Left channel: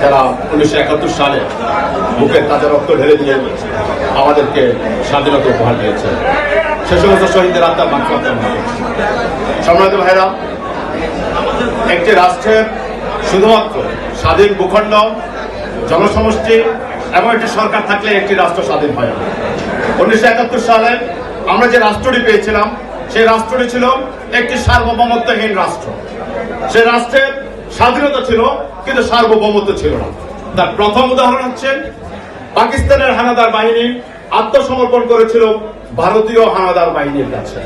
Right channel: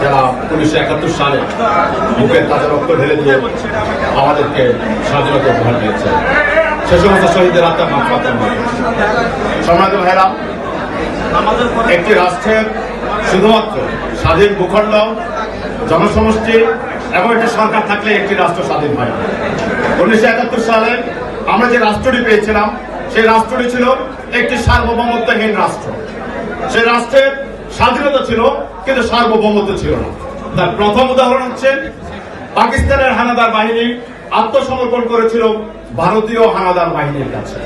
যারা উনিশশো একাত্তর সালে বুকের তাজা রক্ত ঢেলে দিয়ে আমাদেরকে স্বাধীনতা উপহার দিয়েছে। সে সমস্ত শহীদের আত্মার মাত্রা সম্মানিত ভাইরা একটি রাষ্ট্রের শুধুমাত্র স্বাধীন ভূখণ্ড, জনসমষ্টি এবং একটি সরকার থাকলে একটি রাষ্ট্র স্বাধীন হয় উনিশশো একাত্তর সালে আমরা যে রাষ্ট্রটি পেয়েছিলাম, সেই রাষ্ট্রটি ছিল একটি সার্বভৌমত্বহীন রাষ্ট্র। সেই রাষ্ট্রের স্বাধীনতা ছিল কিন্তু সার্বভৌমত্ব ছিল না। তার প্রথম উদাহরণ হচ্ছে, পাকিস্তানের হানাদার বাহিনী আত্মসমর্পণ করেছিল ভারতীয় হানাদার বাহিনীর কাছে।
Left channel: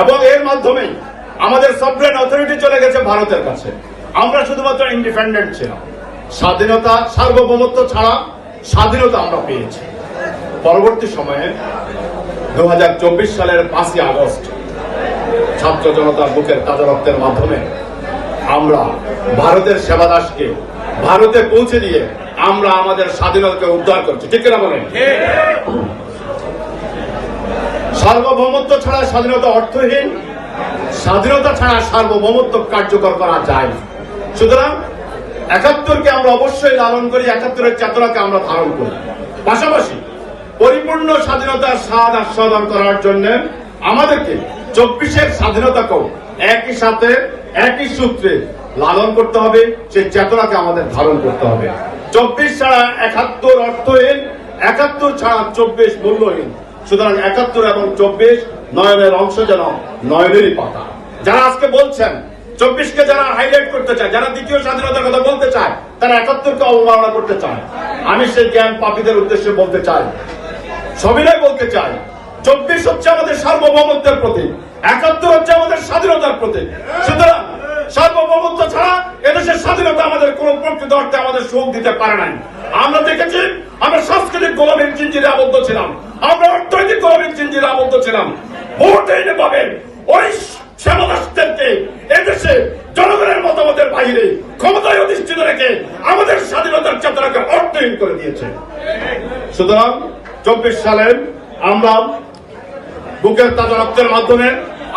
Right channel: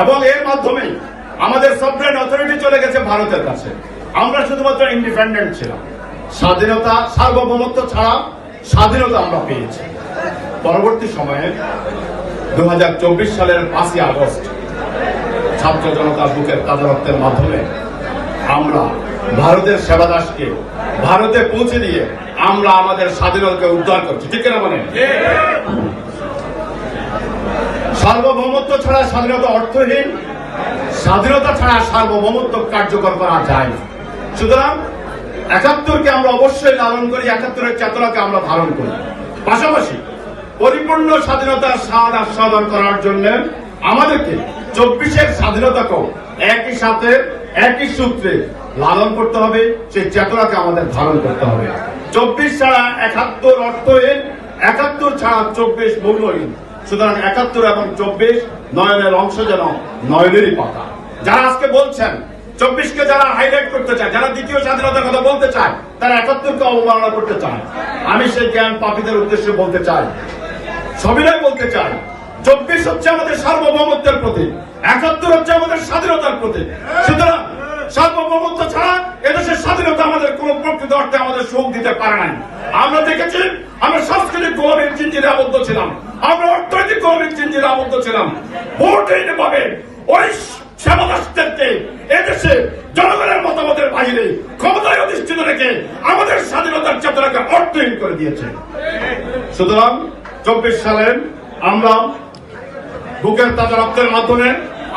এবং এর মাধ্যমে আমাদের সবরেন অথরিটি চলে গেছে ভারতের কাছে। আমরা শুধুমাত্র ইন্ডিপেন্ডেন্ট ছিলাম। স্বাধীনতা, সার্বভৌমত্ব ছাড়া স্বাধীনতা আমরা পেয়েছি। পরবর্তী সময়ে দু হাজার চব্বিশ সালের পাঁচই আগস্ট, ছাত্র জনতার বুকের তাজা রক্তের মাধ্যমে আমরা ভারতের সেবাদাসকে ভারতে পৌঁছে দিয়ে আমরা আমাদের স্বাধীনতাকে উদ্ধার করছি। ঠিক কিনা বলেন? সার্বভৌমত্ব ছাড়া স্বাধীনতা অর্থহীন, স্বাধীনতা ছাড়া সার্বভৌমত্ব কার্যকর করা যায়। সুতরাং একাত্তরকে আমরা অবশ্যই লালন করি, একাত্তরের চেতনাকে আমরা ধারণ করি। পাশাপাশি পরিপূর্ণ স্বাধীনতার স্বাদ আস্বাদন করার জন্য আমাদেরকে চব্বিশের স্বাধীনতাকেও একই সাথে একই সূত্রে লালন করতে হবে, সেই চেতনাকে আমাদের ধারণ করতে হবে। চব্বিশ ছাড়া একাত্তর অর্থহীন একাত্তর ছাড়া চব্বিশ মূল্যহীন সুতরাং একাত্তর এবং চব্বিশ নয়নের অংশ যেন নয়নেরই পাতা। যারা আজকে বলছেন, চব্বিশকে যারা হাইলাইট করতে চায়, যারা দ্বিতীয় স্বাধীনতার কথা বলতে চায়, তারা একাত্তরকে অবমাননা করতে চায়। আমি সেই জ্ঞান পাপীদের উদ্দেশ্যে বলতে চাই, সবিনয় বলতে চাই, চব্বিশ হচ্ছে আমাদের সার্বভৌমত্বের প্রতীক, একাত্তর হচ্ছে আমাদের স্বাধীনতার প্রতীক। সুতরাং সার্বভৌমত্ব ছাড়া এদেশের স্বাধীনতা আমাদের কোন প্রকৃত অর্থে আমাদের সুখ দিতে পারে নাই। আমরা দেখেছি, আমরা সাংস্কৃতিক গোলামীর চিঞ্জিরে আবদ্ধ ছিলাম। আমরা অর্থনৈতিক গোলামীর চিঞ্জিরে আবদ্ধ ছিলাম। ভোটহীন ভাবে ওই সেবাদাসদেরকে এদেশে জনগণের মতামতের বাইরে ক্ষমতায় অধিষ্ঠিত রেখে আমাদের স্বাধীনতার চেতনাকে অর্থহীন করে দিয়েছে। সুতরাং চব্বিশ সালের আমরা বুকের তাজা রক্তের মাধ্যমে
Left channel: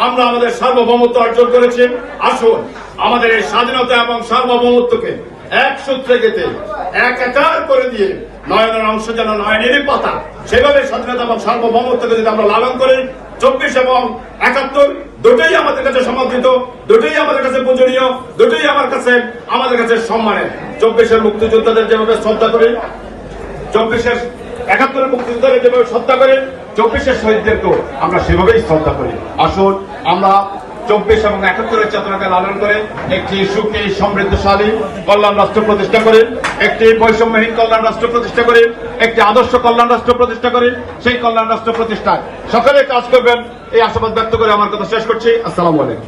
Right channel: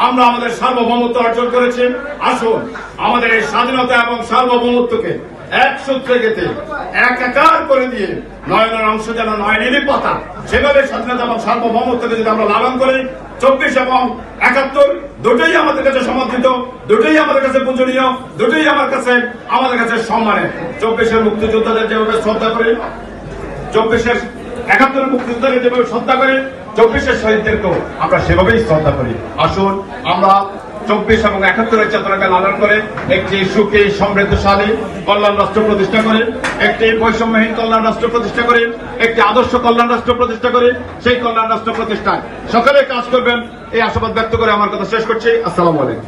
আমরা আমাদের সার্বভৌমত্ব অর্জন করেছি। আসুন, আমাদের এই স্বাধীনতা এবং সার্বভৌমত্বকে এক সূত্রে গেতে এক একার করে দিয়ে নয়নের অংশ যেন নয়নেরই পাতা, সেভাবে স্বাধীনতা এবং সার্বভৌমত্বকে যদি আমরা লালন করি, চব্বিশ এবং একাত্তর দুটোই আমাদের কাছে সমর্থিত, দুটোই আমাদের কাছে পূজনীয়, দুটোই আমার কাছে, আমাদের কাছে সম্মানের। চব্বিশের মুক্তিযোদ্ধাদের যেভাবে শ্রদ্ধা করি, চব্বিশের একাত্তর মুক্তিযোদ্ধাকে যেভাবে শ্রদ্ধা করে চব্বিশের শহীদদেরকেও আমরা সেভাবেই শ্রদ্ধা করি। আসুন, আমরা চব্বিশ এবং একাত্তরের চেতনাকে লালন করে একটি সুখী, সমৃদ্ধশালী কল্যাণ রাষ্ট্র প্রতিষ্ঠা করে, একটি বৈষম্যহীন কল্যাণ রাষ্ট্র প্রতিষ্ঠা করে, একটি আদর্শ কল্যাণ রাষ্ট্র প্রতিষ্ঠা করে, সেই কল্যাণ রাষ্ট্র প্রতিষ্ঠায় সকালে কাজ করবেন, এই আশাবাদ ব্যক্ত করে আমার কথা শেষ করছি। আসসালামু আলাইকুম।